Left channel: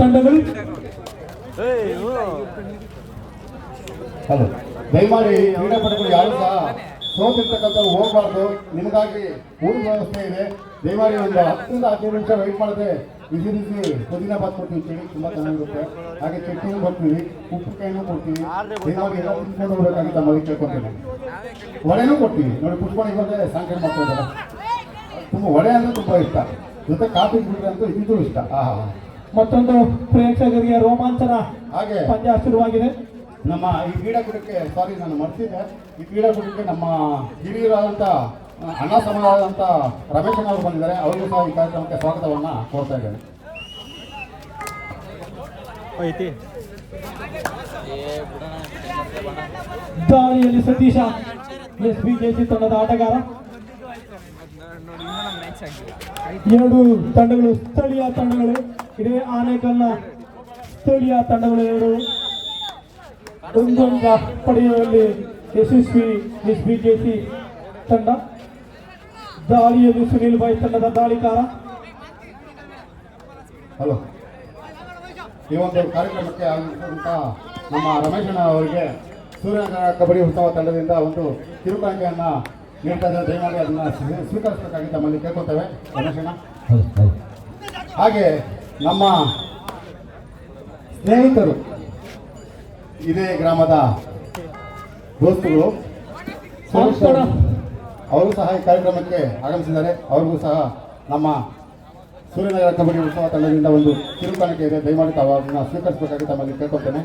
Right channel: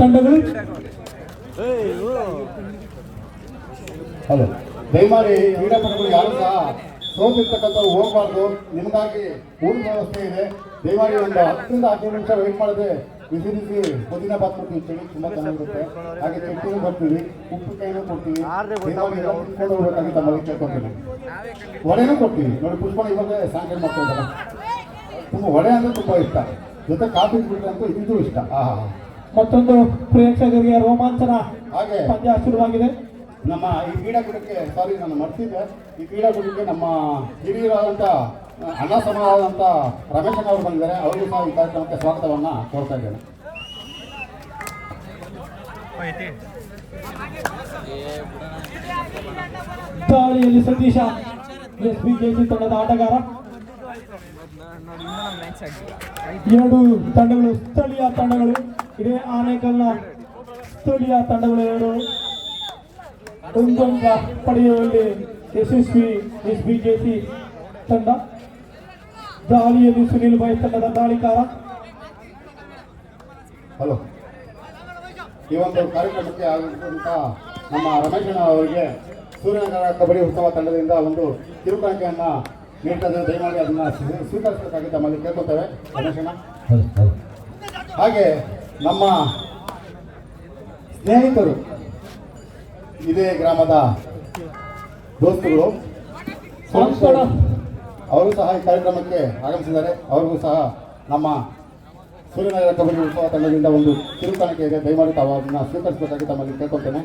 ತಂಡಗಳು. ಹಲೋ, ದಯಮಾಡಿ ಕ್ರೀಡಾಪಟುಗಳು ಯಾರು ಸಹ ಸೋತಿರ್ತಕ್ಕಂಥವ್ರು ಹೋಗಬಾರ್ದು. ನಿಮಗಾಗಿ ಊಟ ವ್ಯವಸ್ಥೆ ಇದೆ. ದಯಮಾಡಿ ಒಂದು 10ರಿಂದ 15 ನಿಮಿಷ ವೆಯ್ಟ್ ಮಾಡಿದ್ರೆ ಬಿಸಿ ಬಿಸಿ ಪುದೀನ ಬಾತ್ ಕೊಡ್ತೀವಿ. ಚಳಿ ತುಂಬ ಚೆನ್ನಾಗಿರುತ್ತೆ. ಹಾಗೆ ಚಟ್ನಿನೂ ಕೊಡ್ತೀವಿ, ಉಪ್ಪಿನಕಾಯಿನೂ ಕೊಡ್ತೀವಿ. ದಯಮಾಡಿ ಎಲ್ಲ ತಿನ್ಕೊಂಡು ಹೋಗ್ಬೇಕಾಗಿ ತಮ್ಮಲ್ಲಿ ಕೇಳ್ಕೊತೀವಿ. ವಡೆನೂ ಕೊಡ್ತೀವಿ ನೋಡಿ. ಪುಷ್ಪಣ ಇವಾಗ ಸಾಂಕೇಟ್ ಮಾಡ್ತಿದ್ದಾರೆ. ತುಂಬ ವಡೆ ಅಂದರೆ ತುಂಬ ಇಷ್ಟ. ಜೊತೆ ಕಾಫಿ ಅಂತೂ ಇದು ಇಷ್ಟ. ಮತ್ತೊಂದು ಪ್ರೇಕ್ಷಕರಿಗೆ ರೋಮಾಂಚನ ಹಾಗೆ ಪಂದ್ಯ ಶುರುವಾಗಿದೆ. ನಮ್ಮ ಈ ಕ್ರೀಡಾಕೂಟಕ್ಕೆ ನಾನು ಮರ್ತಿದ್ದೆ. ಈ ಕ್ರೀಡಾಕೂಟಕ್ಕೆ ನಮ್ಮ ಹಿರಿಯರಾದಂಥ ಅಣ್ಣ ಸಮಯವಾದಂಥ ರಮೇಶನ್ ಅವರು ಬಂದಿದ್ದಾರೆ. ಅವರಿಗೂ ಸಹ ಈ ಕಾರ್ಯಕ್ರಮಕ್ಕೆ ಸ್ವಾಗತವನ್ನು ಕೋರ್ತಾ ಇದ್ದೇವೆ. ದಾಳಿಯಲ್ಲಿ ಸತೀಶ SBJC ತಂಡದ ಆಟಗಾರ. ಎರಡು ತಂಡಗಳು ಸ್ಥಳೀಯ ತಂಡಗಳು. ಇದೇ ಆನೇಕಲ್ನ ಸ್ಥಳೀಯ ತಂಡಗಳು ಎರಡು ಒಂದೊಂದ ಪಡೆಯುವಲ್ಲಿ ಯಶಸ್ವಿ SBJC ತಂಡ. ದಾಳಿಯಲ್ಲಿ ಸುನೀಲ್ ಬಾಯ್ ತಂಡದ ದಾಳಿಕಾರ. ಹಲೋ, ಈ ಒಂದು ಕಾರ್ಯಕ್ರಮಕ್ಕೆ ಆಗಿರುವಂಥ ನಮ್ಮ ರಮೇಶಣ್ಣ ಅವರಿಗೆ ಸೂರ್ಯನಗರ ಕಬಡ್ಡಿ ಉತ್ಸವ ತಂಡದಿಂದ ಒಂದು ಕಿರುಕಾಣಿಕೆಯನ್ನು ನೀಡ್ತಾ ಇದ್ದಾರೆ. ದಯಮಾಡಿ ಅದನ್ನು ಸ್ವೀಕರಿಸಬೇಕಾಗಿ ತಮ್ಮಲ್ಲಿ ಕೇಳ್ಕೊತೇವೆ ರಮೇಶಣ್ಣ. ಹಾಗೆ ನಮ್ಮ ಸ್ನೇಹಿತರು, ಇದೇ ಗ್ರಾಮದ ದೋಸ್ತುಗಳು ಅವರು ಸಹ ಈ ಕಾರ್ಯಕ್ರಮಕ್ಕೆ ಆಗಮಿಸಿದ್ದಾರೆ. ಅವ್ರಿಗೂ ಸಹ ನಮ್ಮ ಸೂರ್ಯನಗರ ಕಬಡ್ಡಿ ಉತ್ಸವ ತಂಡದಿಂದ ಒಂದು ಕಿರುಕಾಣಿಕೆ ಇದೆ. ದಯಮಾಡಿ ತಾವು ಅದನ್ನು ಸ್ವೀಕರಿಸಬೇಕಾಗಿ ತಮ್ಮಲ್ಲಿ ಕೇಳ್ಕೊಳ್ತೇನೆ.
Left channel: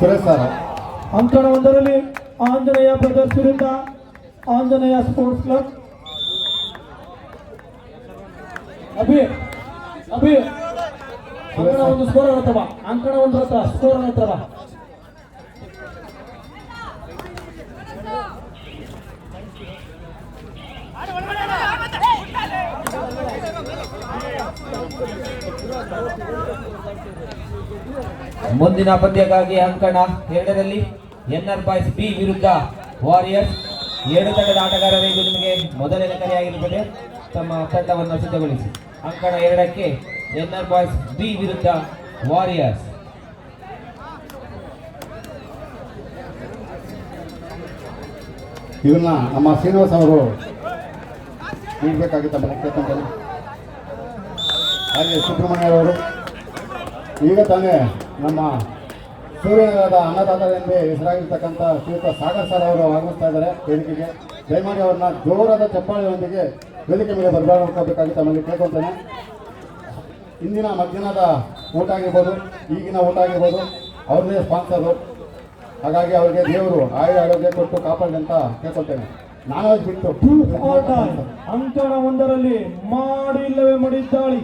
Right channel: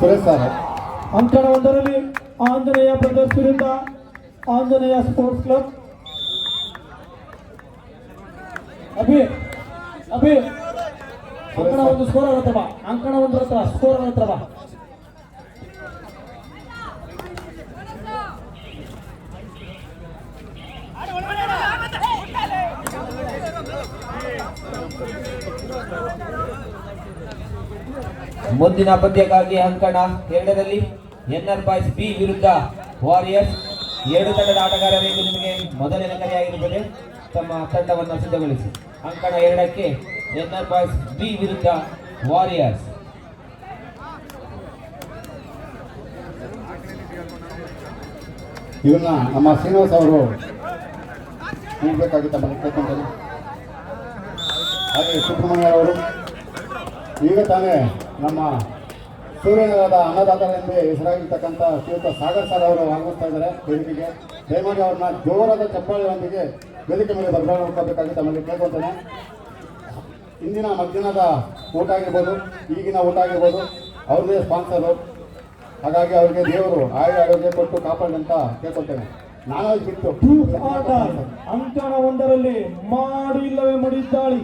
ಸುರೇಶ್ ಸರ್. ಅಂಕಣ ಒಂದರಲ್ಲಿ ಆಂಜನೇಯ ಬ್ರದರ್ಸ್ ವಿರುದ್ಧ ಆಂಜನೇಯ ಸ್ಪೋರ್ಟ್ಸ್ ಕ್ಲಬ್. ಅಭಿ ಅಂಕಣ ಒಂದು ಸ್ಕೋರ್ ಆಗುತ್ತಲ್ಲ, ಅಂಕಣ ಒಂದು ಹತ್ರ ಸ್ಕೋರ್ ಆಗುತ್ತಲ್ಲ. ಮುಂದಿನ ಪಂದ್ಯಕ್ಕಾಗಿ ಅಂಕಣ 2ರಲ್ಲಿ NR ಬಾಯ್ಸ್ B ವಿರುದ್ಧ ವಾರಿಯರ್ಸ್. ಎರಡು ತಂಡದ ಆಟಗಾರರಿಗೆ ನಿಮಗೆ ಮೊದಲನೇ ಕರೆಯಾಗಿರುತ್ತದೆ. ತಮ್ಮ ತಂಡವನ್ನು ಸಿದ್ಧಗೊಳಿಸಿ. ಅಂಕಣ 2ಕ್ಕೆ NR ಬಾಯ್ಸ್ B ವಿರುದ್ಧ ವಾರಿಯರ್ಸ್. ಇವನ್ನ ನಮ್ಮ ಶ್ರೀನಿವಾಸ್ ಅವರು ನೀಡಬೇಕಾಗಿ ತಮ್ಮ ಕೇಳ್ಕೊಂತಾರೆ. ಹಾಗೆ ಸುಬ್ರಹ್ಮಣ್ಯ ಅವರು ಈಗ ತಾನೇ ನಮ್ಮ ಸೂರ್ಯನಗರದ ಅನ್ನದಾತರೆಂದೇ ಹೆಸರಾಗಿರ್ತಕ್ಕಂಥ ಶ್ರೀಯುತ ಸಾಗರ್ ಸರ್ ಅವರು ಆಗಮಿಸ್ತಾ ಇದ್ದಾರೆ ವೇದಿಕೆಗೆ. ದಯಮಾಡಿ ಅವ್ರನ್ನ ಜೋರಾದ ಚಪ್ಪಾಳೆಯೊಂದಿಗೆ ವೇದಿಕೆ ಮೇಲೆ ಬದಲಾವಣೆ ತಮ್ಮಲ್ಲಿ ಕೇಳ್ಕೊಳ್ತೇನೆ. ಇಂದಿನ ಮಧ್ಯಾಹ್ನದ ಊಟ ಆಗಿರ್ಬೋದು, ಈಗಿನ ಊಟ ಆಗಿರ್ಬೋದು, ಅವ್ರನ್ನೇ ಸ್ಪಾನ್ಸರು. ಹಾಗಾಗಿ ಅವರಿಗೆ ದೇವರು ಆರೋಗ್ಯ ಕೊಟ್ಟು ಕಾಪಾಡಿ ಅಂತ ಕೇಳ್ಕೊಳ್ತೇನೆ. ನಾವೇ ಬಿಟ್ಟು ಅಂಕಣ 1ರಲ್ಲಿ ಮಾಡಿ ಇಲ್ಲವೇ ಮಾಡಿದ್ದಾಳಿ.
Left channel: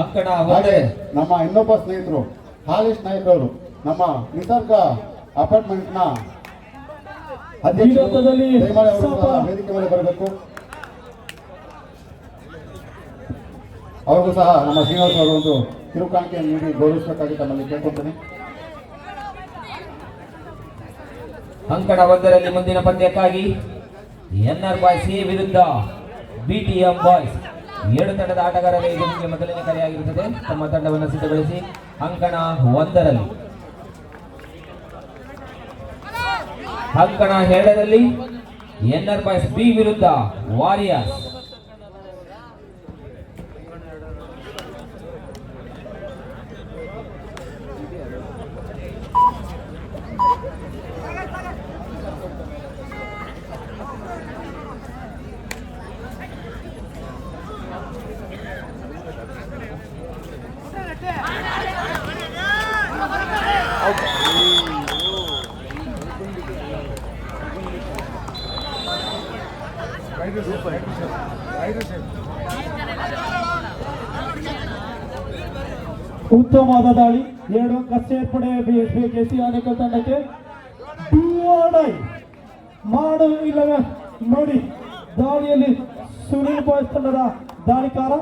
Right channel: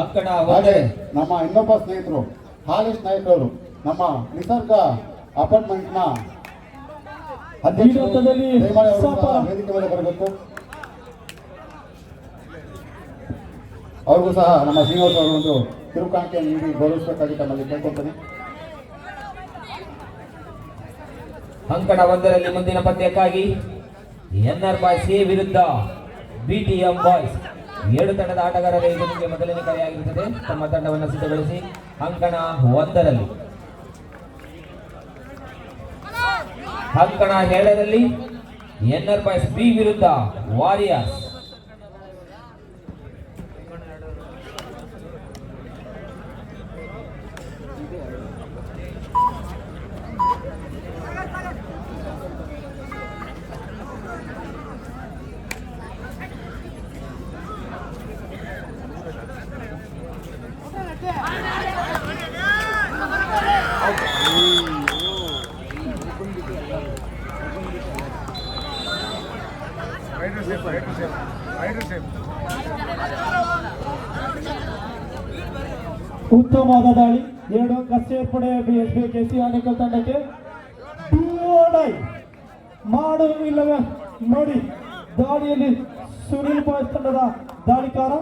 ಅಂಕಣ ಹಾಗೆ ನಮ್ಮ ಇನ್ನೊಬ್ಬ ಸ್ನೇಹಿತರು ಹಾಲೇಶ್ ನಾಯಕ್ ಅವರು ನಮ್ಮ ನಿಸರ್ಗ ಅಪಾರ್ಟ್ಮೆಂಟ್ನ ಅಧ್ಯಕ್ಷರಲ್ಲಿ ವೇದಿಕೆ ಮೇಲೆ ಬರಬೇಕು. ಅವ್ರಿಗೂ ಸಹ ನಮ್ಮ ಶ್ರೀನಿವಾಸ್ ಅವರು ಒಂದು ಕಿರುಕಾಣಿಕೆ ನೀಡಿ ಗೌರವಿಸಬೇಕಾಗಿ ತಮ್ಮಲ್ಲಿ ಕೇಳ್ಕೊಳ್ತೇನೆ. ಅಂಕಣ 1ರಲ್ಲಿ ಮುಂದಿನ ಪಂದ್ಯಕ್ಕಾಗಿ NR ಬಾಯ್ಸ್ A ವಿರುದ್ಧ BTM ಬಾಯ್ಸ್. ಎರಡು ತಂಡದ ಆಟಗಾರರಿಗೆ ನಿಮಗೆ ಮೊದಲನೇ ಕರೆಯಾಗಿರುತ್ತದೆ. ತಮ್ಮ ತಂಡವನ್ನು ಸಿದ್ಧಗೊಳಿಸಿ. ಅಂಕಣ 1ರಲ್ಲಿ ಅಂಕಣ 2ರಲ್ಲಿ NR ಬಾಯ್ಸ್ B ವಿರುದ್ಧ ವಾರಿಯರ್ಸ್. ಉತ್ತಮವಾದ ದಾಳಿ. 2 ಅಂಕ ಸೇರ್ಪಡೆ SBJC ಆನೇಕಲ್ ತಂಡಕ್ಕೆ. ಮಾಡು ಇಲ್ಲವೇ ನೋಡಿ. ದಾಳಿಯಲ್ಲಿ ಸುನೀಲ್ ಬಾಯ್ಸ್ ತಂಡದ ದಾಳಿಕಾರ.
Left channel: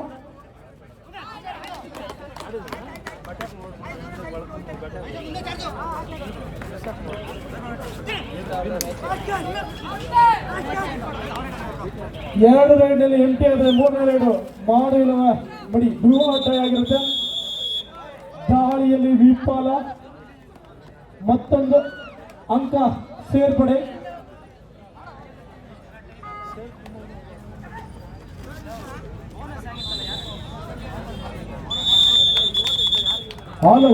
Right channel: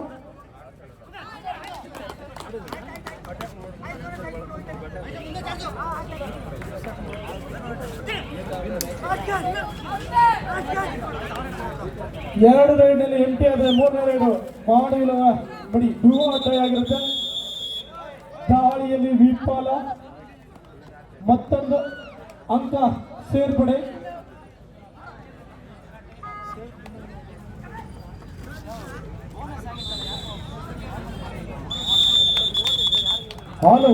ಎರಡು ರೈಡ್ನಲ್ಲಿ ಎಂಟಿ ಆದರೆ ಮೂರನೇ ರೈಡು ಮಾಡುವ ಬಡಿ ಧ್ರುವ ಆಗಿರುತ್ತೆ. ದಾಳಿಯಲ್ಲಿ ವಿಫಲ, ಮತ್ತೊಂದು ಅಂಕ ಸೇರ್ಪಡೆ. ಹಾಲು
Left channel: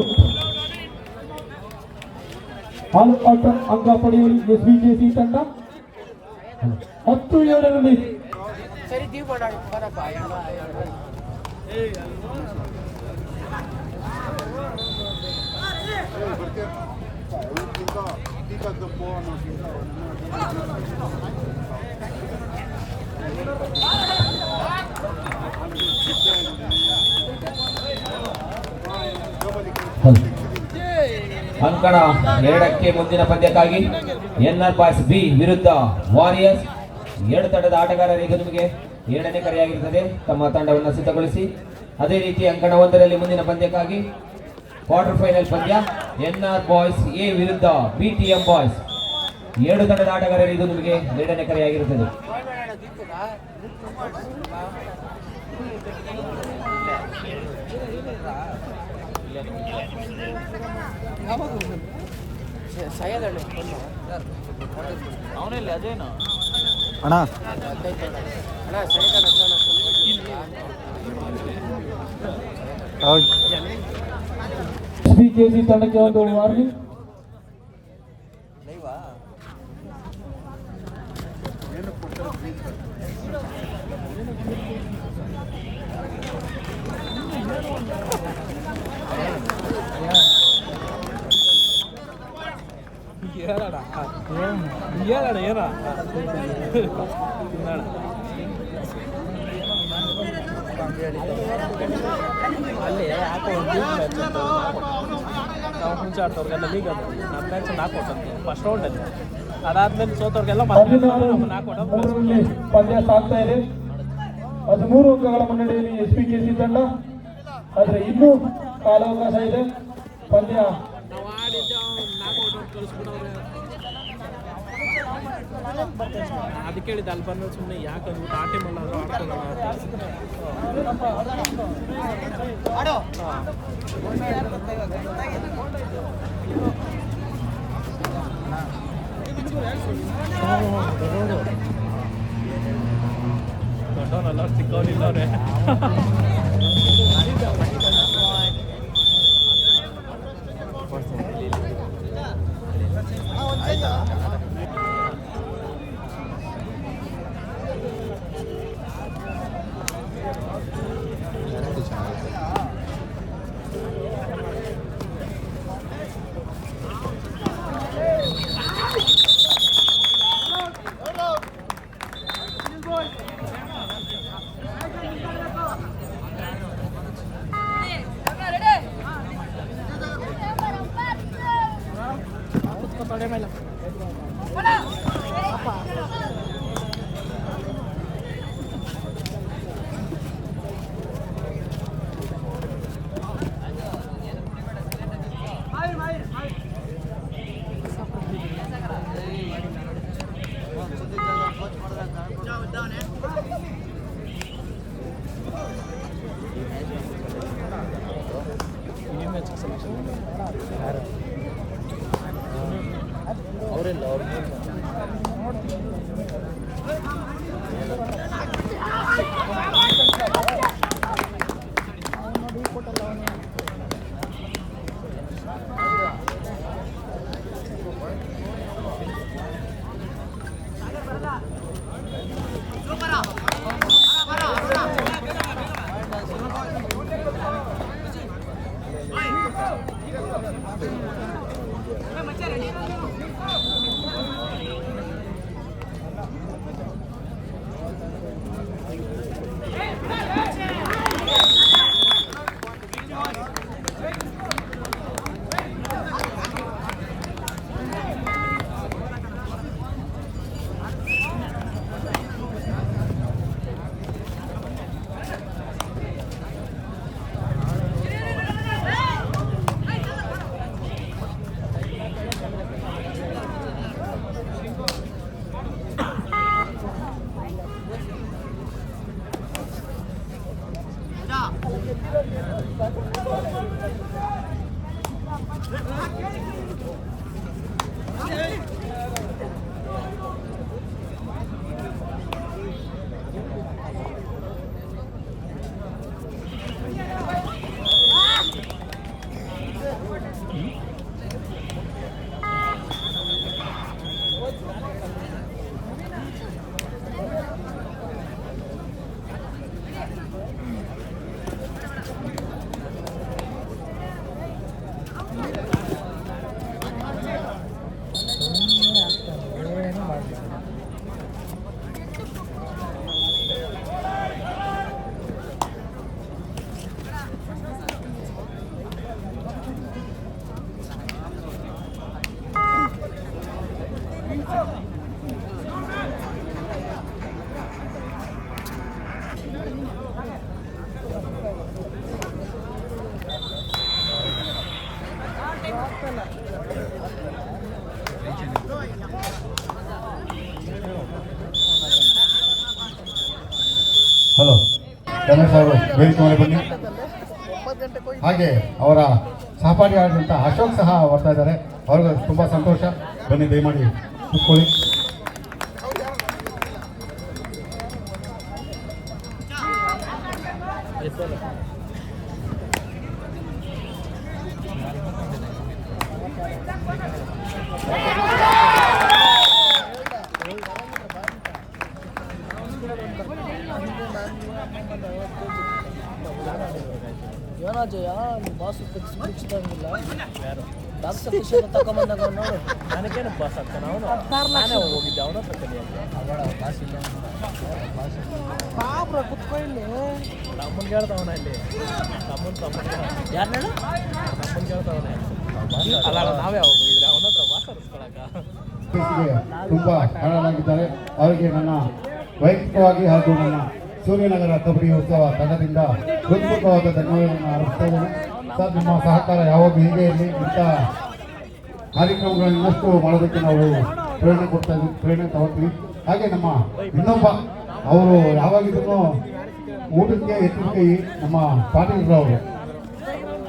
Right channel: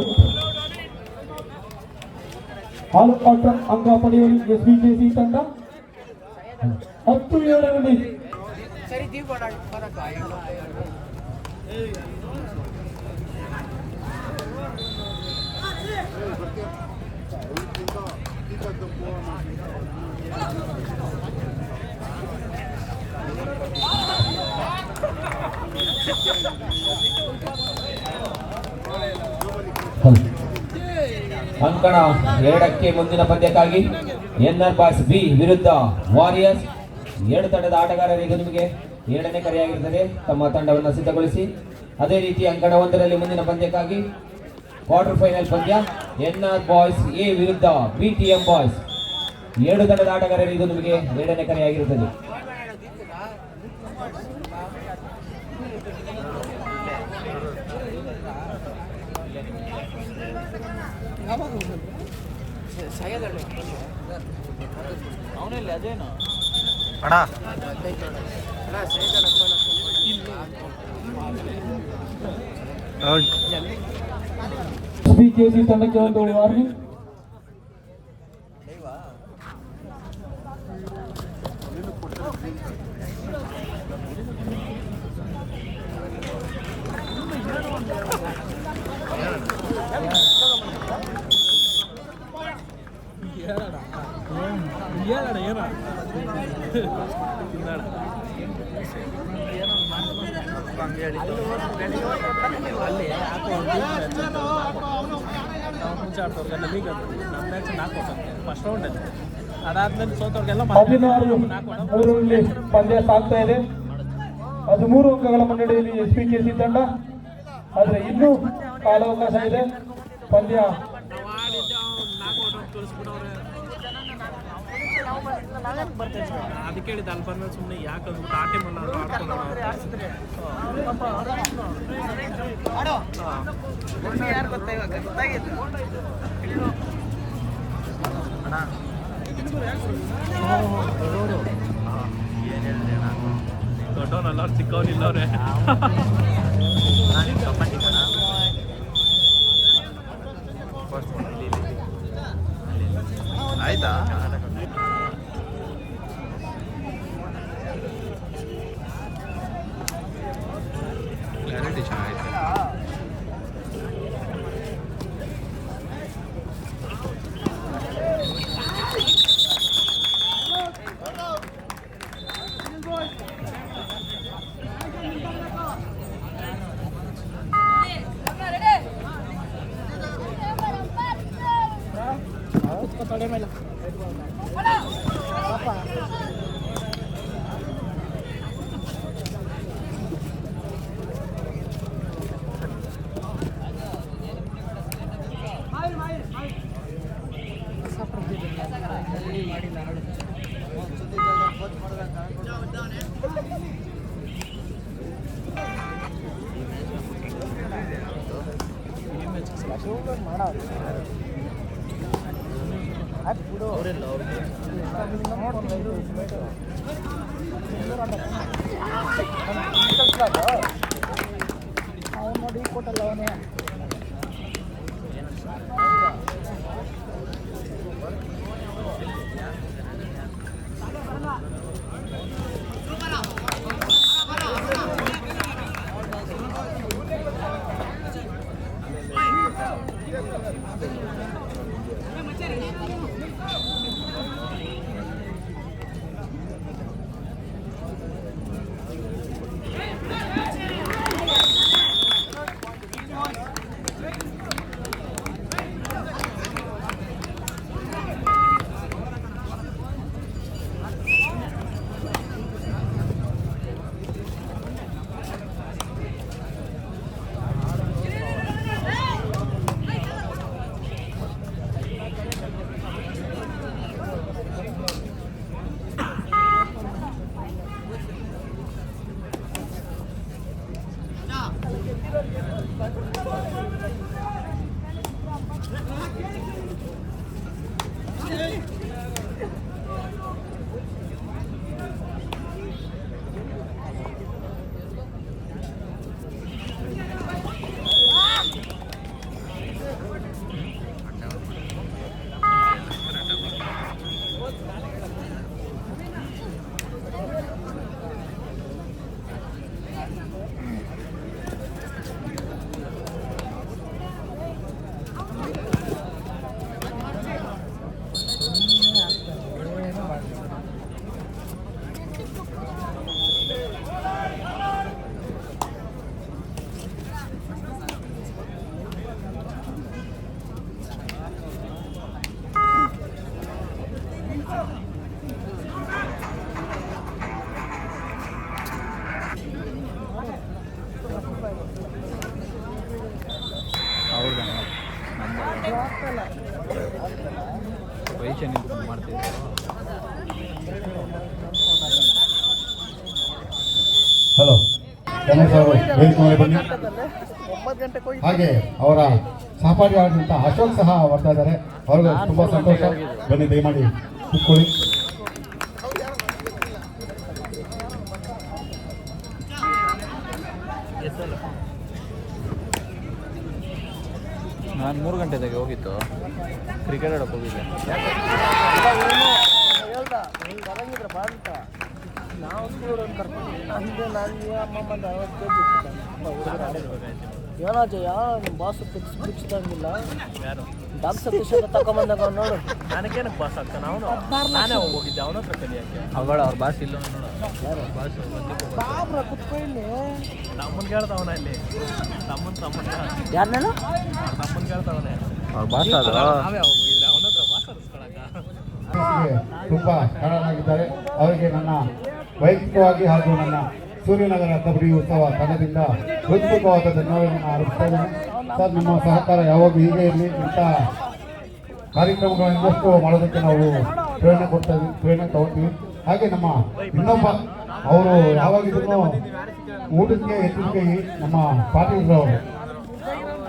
ಅಂಕ ಪಡೆಯಲು SBJC ತಂಡ 10-7ರಲ್ಲಿ ಅಂಕಣ 2ಕ್ಕೆ ಮುಂದಿನ ಪಂದ್ಯಕ್ಕಾಗಿ NR ಬಾಯ್ಸ್ ಬಿ ವಿರುದ್ಧ ವಾರಿಯರ್ಸ್. 2 ತಂಡದ ಆಟಗಾರರಿಗೂ ನಿಮಗೆ 7ನೇ ಕರೆಯಾಗಿರುತ್ತದೆ. ತಮ್ಮ ತಂಡವನ್ನು ಸಿದ್ಧಗೊಳಿಸಿ. ಅದೇ ರೀತಿ ಅಂಕಣ 1ರಲ್ಲಿ ಮುಂದಿನ ಪಂದ್ಯಕ್ಕಾಗಿ ಕ್ವಾರ್ಟರ್ ಫೈನಲ್ ಪಂದ್ಯ NR ಬಾಯ್ಸ್ ಎ ವಿರುದ್ಧ BTM ಬಾಯ್ಸ್. 2 ತಂಡದ ಆಟಗಾರರಿಗೂ ನಿಮಗೆ 7ನೇ ಕರೆಯಾಗಿರುತ್ತದೆ. ಅವನಲ್ಲಿ ಅದೇನು SBJC ತಂಡಕ್ಕೆ ಒಂದು ವಾರ್ನಿಂಗ್. ಹೇಳಣ ಏನ ಅಲ್ಲಿ ಯಾಕೋ ಮುಂಚೆ ಆಡ್ತವ್ರಿಗೆಲ್ಲ ಲೀಗ್ ಅದು ನಮ್ಮ ಮ್ಯಾಚ್ ನಾಲ್ಕೊಟ್ಟಂತೆ ಫಸ್ಟ್ ರೌಂಡಲ್ಲಿ. ಅದಾದ್ಮೇಲೆ ಸೋತವ್ರಿಗೆಲ್ಲ ಮೂರರಲ್ಲಿ ಪಂದ್ಯ ಸಾಗ್ತಾ ಇದೆ. 13 ಅಂಕಗಳ ಮುನ್ನಡೆಯಲ್ಲಿ SBJC ತಂಡ. ಆದರೆ ಇನ್ನೂ ಕಾಲಾವಕಾಶ ಇದೆ. ಪಂದ್ಯ ಅದಕ್ಕೆ ಹೇಳಿದ ಅಲ್ಲಿ ಬಂದ ಸುಮ್ಮನೆ ಯಾಕಂದ್ರೆ ಆಟೆ ಮಾಡೋದು ದೊಡ್ಡವನಲ್ಲ ಚಿಕ್ಕವನಿಲ್ಲವ್ರೆ. ಆಯ್ತಾ ಕ್ಲಾರಿಟಿ ಚೆನ್ನಾಗೈತೆ. ರಮೇಶ್ ಅವರು ವೇದಿಕೆ ಮೇಲೆ ಬನ್ನಿ. ಹಾಗೆ ಅವರ ಸಹಪಾಠಿಯಾದಂಥ ಅಶೋಕ್ ಸಹ ಬರ್ತಾ ಇದ್ದಾರೆ. ಅವ್ರಿಗೆ ತುಂಬ ಸಂತೋಷ. ಬನ್ನಿ, ದಯಮಾಡಿ ಕೂತ್ಕೊಳ್ಳಿ. ನಾನು 3 ಗಂಟೆದಾಗ ಹೋಗಿತ್ತು ಕ್ರಿಕೆಟ್ ಆಡಕ್ಕೆ ಹೋಗಿದ್ದೆ. ನನಗೇನು ಬಾಸ್ ಆಗ್ತಾನೆ ಅವನು. ನಾನೇ ಹೋಗಿದ್ದೆ ಅವನ ಹತ್ರ ಅವಳ ಅವ್ರ ಬಾಸ್ ಇಲ್ಲ ಬಾಸ್ ನಮ್ಮನ್ನು ಕೇಳ್ತಾವನ ಇಲ್ಲಿ ಯಾರನ್ನ ನಮ್ಮನ್ನು ಕೇಳ್ತಾವನ ಅವ್ರ ಬಾಸ್ ನಾವೇ ಹೋಗಿದ್ರೆ ಅವನ ಹತ್ರ ಬಾಸ್ ಅನಿಸ್ಕೊಳಕ ತುಂಬಾ ಕಾರಣರಾಗಿದ್ದಾರೆ. ಅವರಿಗೆ ನನ್ನ ವೈಯಕ್ತಿಕವಾಗಿ ಹಾಗೂ ನನ್ನ ಸೂರ್ಯನಗರ ಕಬಡ್ಡಿ ಉತ್ಸವ ತಂಡದಿಂದ ಹೃತ್ಪೂರ್ವಕವಾದ ಧನ್ಯವಾದವನ್ನು ಅರ್ಪಿಸ್ತಾ ಇದ್ದೇನೆ. ಸರ್, ನಿಮ್ಮ ಸಹಕಾರ ಯಾವಾಗ ಹೀಗೆ ಇರಲಿ. ಇಂಥ ಕಾರ್ಯಕ್ರಮಗಳನ್ನಷ್ಟು ಮಾಡೋದಕ್ಕೆ ನಾವು ಪ್ರೇರಣೆ ತಗೋತೀವಿ. ಹಾಗೆ ನಮ್ಮ ಇನ್ನೊಬ್ಬ ಅವರು ಯಾವಾಗಿದ್ರು ಊಟಕ್ಕೆ ಹೆಚ್ಚಿನ ಕೈ ನಮ್ಮ ಪಾಟೀಲ್ ಅವರು,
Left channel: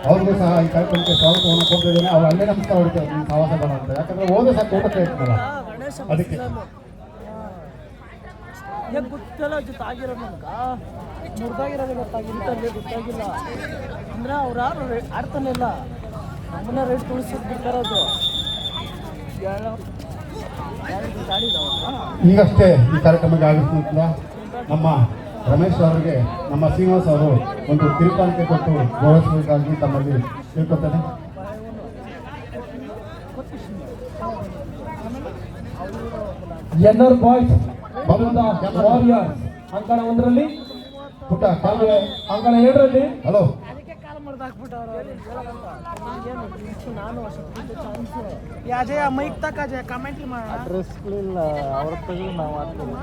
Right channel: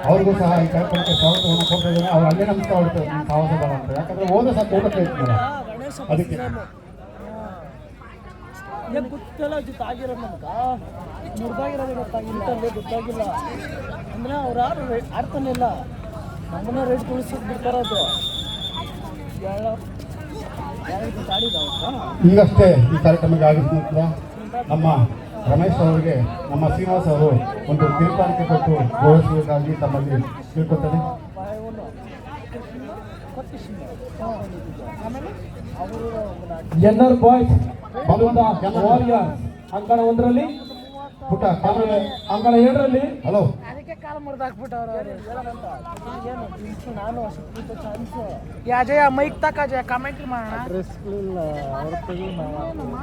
ಅವ್ರಿಗೂ ಸಹ ಈ ಕಾರ್ಯಕ್ರಮಕ್ಕೆ ಸ್ವಾಗತವನ್ನು ಕೊಟ್ಟಿದ್ದೇನೆ. ಅವ್ರು ಅಲ್ಲೇ ನಮಸ್ಕಾರ ಮಾಡ್ತಾರೆ ನಿಮ್ಮ ಸಹವಾಸ ಬರ ಅಂತ. ಯಾಕಂದ್ರೆ ಹೋದ ಸಹ ಊಟಕ್ಕೆ ಇರ್ತಾರೆ. ಅದಕ್ಕೆ ಗೊತ್ತಿಲ್ಲ ಜೊತೆ ಆಗಿರೋ ನಮ್ಗೆ ಮುರ್ದಾಗಿರೋದೇ ಗೊತ್ತಾಗಿಲ್ಲ ಗೊತ್ತಾಗಿಲ್ಲ ಅಂದ್ರೆ ಅವ್ರು ಯಾರು ಆಡ್ತಾನೆ ಇಲ್ಲ. ನಮ್ಮನ್ನ ರೇಟ್ ತುಳಿಸೋದು ಬಿಡ್ತಾರದು ಈಗಷ್ಟೇ ಈ ಕಾರ್ಯಕ್ರಮಕ್ಕೆ ಆಗಮಿಸಿದ ನಮ್ಮ ರಮೇಶ್ ಅವರಿಗೆ ನಮ್ಮ ಶ್ರೀನಿವಾಸ್ ಅವರು ಒಂದು ತಿರುಪಾಣಿಕೆ ಕೊಟ್ಟು ಗೌರವಿಸಬೇಕಾಗಿ ತಮ್ಮಲ್ಲಿ ತಿಳ್ಕೊತೇನೆ. ಎನ್ಆರ್ ಬಾಯ್ಸ್ ವಾರಿಯರ್ಸ್ ಅಂಕಣ 1ರಲ್ಲಿ ಪುಟ್ಟ ಅಂಕಣ 7ರಲ್ಲಿ ಹಲೋ ಅಡ್ರೆಸ್ಗಳಿಲ್ಲ ಅವ್ರ ತೆಗೆದು ನಾವು ಹಾಕ್ಬೋದು.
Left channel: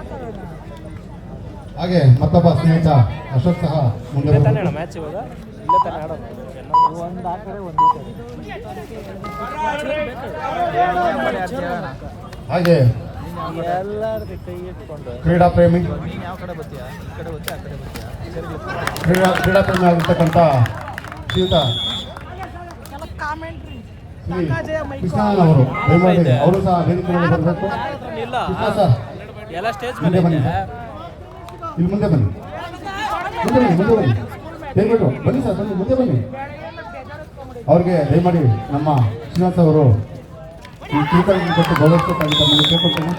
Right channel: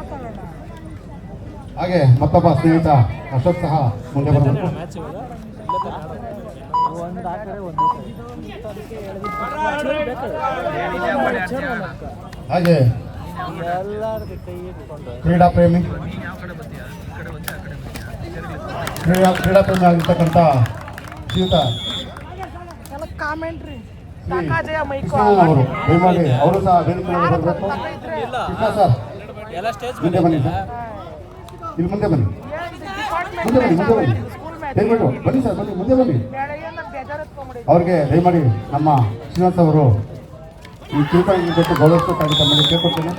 ಹಾಗೆ ಮತ್ತೊಬ್ಬ ಸ್ನೇಹಿತ ಅಶೋಕ್ ಸಹ ಮುಂದೆ ಬಂದರು. ಮ್ಯಾಚ್ ಇವಾಗ ಇಲ್ಲೇ ತಾನೇ ಆಡೋದು. ಒಂದು ಆ ಕಡೆ ಒಂದು ಈ ಕಡೆ. ಹಾಗೆ ಎಲ್ಲಾರ್ದು ಕೈ ಇಟ್ಕೊಂಡು ಕ್ರೀಡಾ ಪ್ರೇಮಿ ನೀನು ಯಾವ ಕಡೆ ಬರ್ತೀಯಾ? ಈ ಕಡೆ ಬರ್ತೀಯಾ ಆ ಕಡೆ ಬರ್ತೀಯಾ? ಕ್ರೀಡಾ ಪ್ರೇಮಿ ಆಗಿರ್ತಕ್ಕಂಥ ಶ್ರೀಯುತ ಶ್ರೀ ಕೃಷ್ಣಣ್ಣನವರು ದಯಮಾಡಿ ಅವರು ಸಹ ವೇದಿಕೆ ಮೇಲೆ ಬರಬೇಕು. ಇಲ್ಲ ಸರ್, ಎಲ್ಲ ಸ್ಟೇಜ್ ಮುಂದೆ ಮೇಲೆ ಬನ್ನಿ, ಇದೆ. ಇಲ್ಲಿ ಮುಂದೆ ಬನ್ನಿ, ದಯಮಾಡಿ ಬನ್ನಿ ಸರ್, ಮುಂದೆ ಬನ್ನಿ. ಅವ್ರಿಗೆ ದಯಮಾಡಿ ನಮ್ಮ ಶ್ರೀನಾಥ್ ಅವರು ಈ ಚೀಟನ್ನು ಕೊಟ್ಟು ಗೌರವಿಸಬೇಕಂತ ನಾನು ಕೇಳ್ಕೊಳ್ತೀನಿ.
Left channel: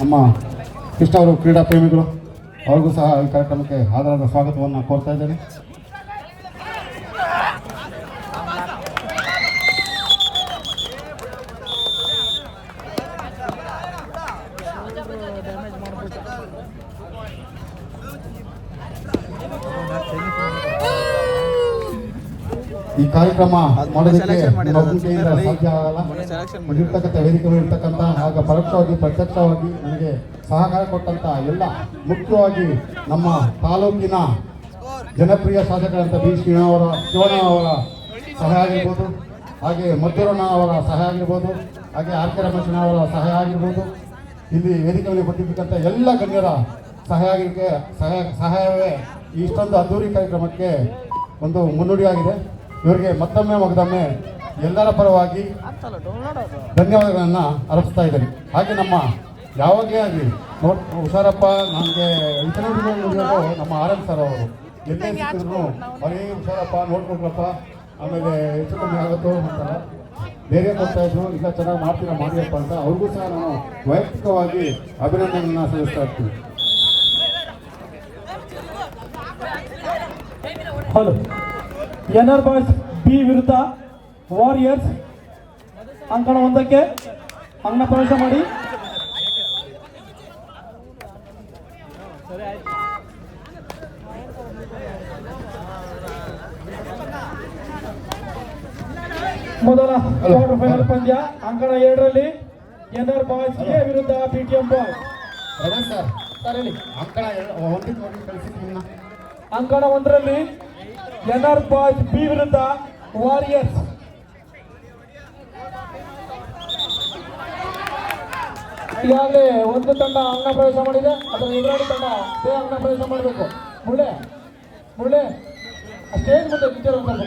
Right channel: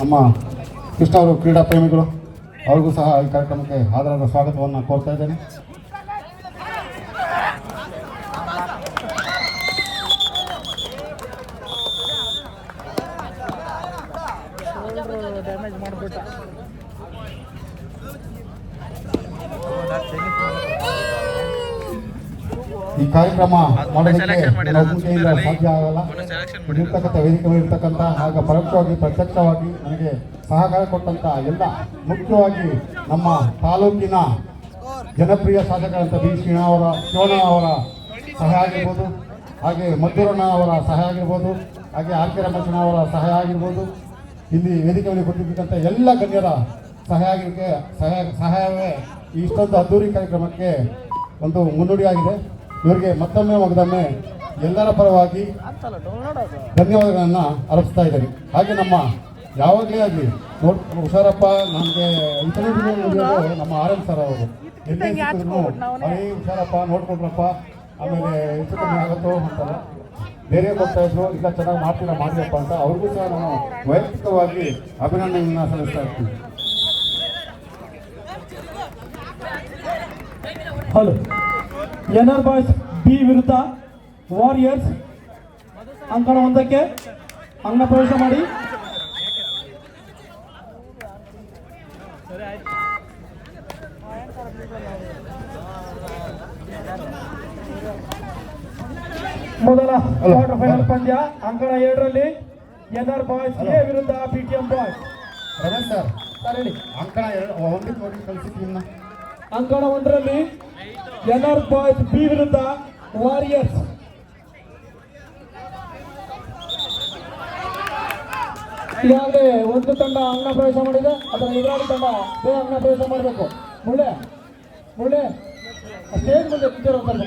ನಮ್ಮ ಕೃಷ್ಣ ಅವರು ಕ್ರೀಡಾ ಪ್ರೇಮಿಗಳು, ಅವ್ರಿಗೂ ಸಹ ಈ ಕಾರ್ಯಕ್ರಮಕ್ಕೆ ಆಧಾರದ ಸ್ವಾಗತವನ್ನು ಕೋರ್ತಾ ಇದ್ದೇನೆ. ಈ ಕಾರ್ಯಕ್ರಮ ಮಾಡೋದಕ್ಕೆ ಸಾಧ್ಯ ಆಗಲ್ಲ. ಇರ್ತಕ್ಕಂಥ ವೇದಿಕೆಗಳಿರ್ತಕ್ಕಂಥ ಹಾಗೂ ಪರೋಕ್ಷವಾಗಿ ಪ್ರತ್ಯಕ್ಷವಾಗಿ ನಮಗೆ ಸಹಕಾರ ಕೊಟ್ಟಂತ ಎಲ್ಲ, ಮುಖ್ಯವಾಗಿ ನಮ್ಮ ತಾಲೂಕಿನ ಜನಪ್ರಿಯ ಸಾಧಕರಂತ ಬಿ ಶ್ರೀನಿವಾಸ ಅವರ ಸಹಾಯ ಆಗಿರ್ಬೋದು, ಹಾಗೆ ಮದ್ದೂರಣ್ಣ ಅವರ ಸಹಾಯ ಆಗಿರ್ಬೋದು, ಹಾಗೆ ಆರ್ ಕೆ ರಮೇಶಣ್ಣ ಅವರ ಸಹಾಯ ಆಗಿರ್ಬೋದು, ಇಲ್ಲಿ ವೇದಿಕೆಯಲ್ಲಿ ಕೊಟ್ಟಿರ್ತಕ್ಕಂಥ ಎಲ್ಲ ಗಣ್ಯರ ಸಹಾಯವೇ ಇಷ್ಟೊಂದು ಅದ್ದೂರಿ ಕಾರ್ಯಕ್ರಮಕ್ಕೆ ಒಂದು ಮುನ್ನುಡಿಯಾಗಿದೆ. ಇವರಿಗೆ ಮತ್ತೊಮ್ಮೆ ಮಗದೊಮ್ಮೆ ಎಲ್ಲರ ಪರವಾಗಿ ಧನ್ಯವಾದಗಳನ್ನು ಅರ್ಪಿಸ್ತಾ ಇದ್ದೇನೆ. ಹಾಗೆ ನಮ್ಮ ಯಾವಾಗಲೇ ಆಗಲಿ ಹುಷಾರಪ್ಪ, ನಮಗೆ ಇಂಟರ್ವ್ಯೂ ಮುಗಿಯೋದು ನಮ್ಮ RM ಸರ್ ಅವರು. ಎಲ್ಲೇ ಸಿಕ್ಕಿದ್ರು ಅವರೇ ಹುಷಾರಪ್ಪ, ನೋಡ್ಕೊಂಡ್ರಪ್ಪ, ಆಮೇಲೆ ಹೆಚ್ಚು ಕಮ್ಮಿ ಆಗೋದು ಅಂತಾರೆ, ಬೇರೆ ಮಾಡ್ತಾ ಇದ್ರು, ಇಲ್ಲ ಚೆನ್ನಾಗಿ ಮಾಡಿರಪ್ಪ ಅಂತ ಅವ್ರಿಗೂ ಸಹ ನಾವು ವೈಯಕ್ತಿಕವಾಗಿ ಅಭಿನಂದನೆಯನ್ನು ಸಲ್ಲಿಸ್ತಾ ಇರ್ತೀವಿ. ಹಲೋ, ಎನ್ಆರ್ ಬಾಯ್ಸ್ ಬಿ ವಿರುದ್ಧ ವಾರಿಯರ್ಸ್ ಅಂಕಣ 1ಕ್ಕೆ ಅಂಗ ಪ್ರವೇಶ ಮಾಡಿ. ಸರಿ ಆಯ್ತು. ಮೊದಲ ಕ್ವಾರ್ಟರ್ ಫೈನಲ್ ಪಂದ್ಯ ಅಂಕಣ 7ರಲ್ಲಿ ಎನ್ಆರ್ ಬಾಯ್ಸ್ ಎ ವಿರುದ್ಧ PTM ಬಾಯ್ಸ್. ಅಂಕಣ 1ರಲ್ಲಿ ಎನ್ಆರ್ ಬಾಯ್ಸ್ ಬಿ ವಿರುದ್ಧ ವಾರಿಯರ್ಸ್. ಈಗಾಗಲೇ ಒಂದು ತಂಡ ಅಂಗಣ ಪ್ರವೇಶ ಮಾಡಿದೆ, ಅದರ ಎದುರಾಳಿ ತಂಡ ಅಂಗಣ ಪ್ರವೇಶ ಮಾಡಬೇಕು. ಮುಳ್ಳೆ ಮುಳ್ಳೆ ಸ್ಟೇಜ್ ಮುಂದೆ ನಿಂತಿರುವಂಥದ್ದು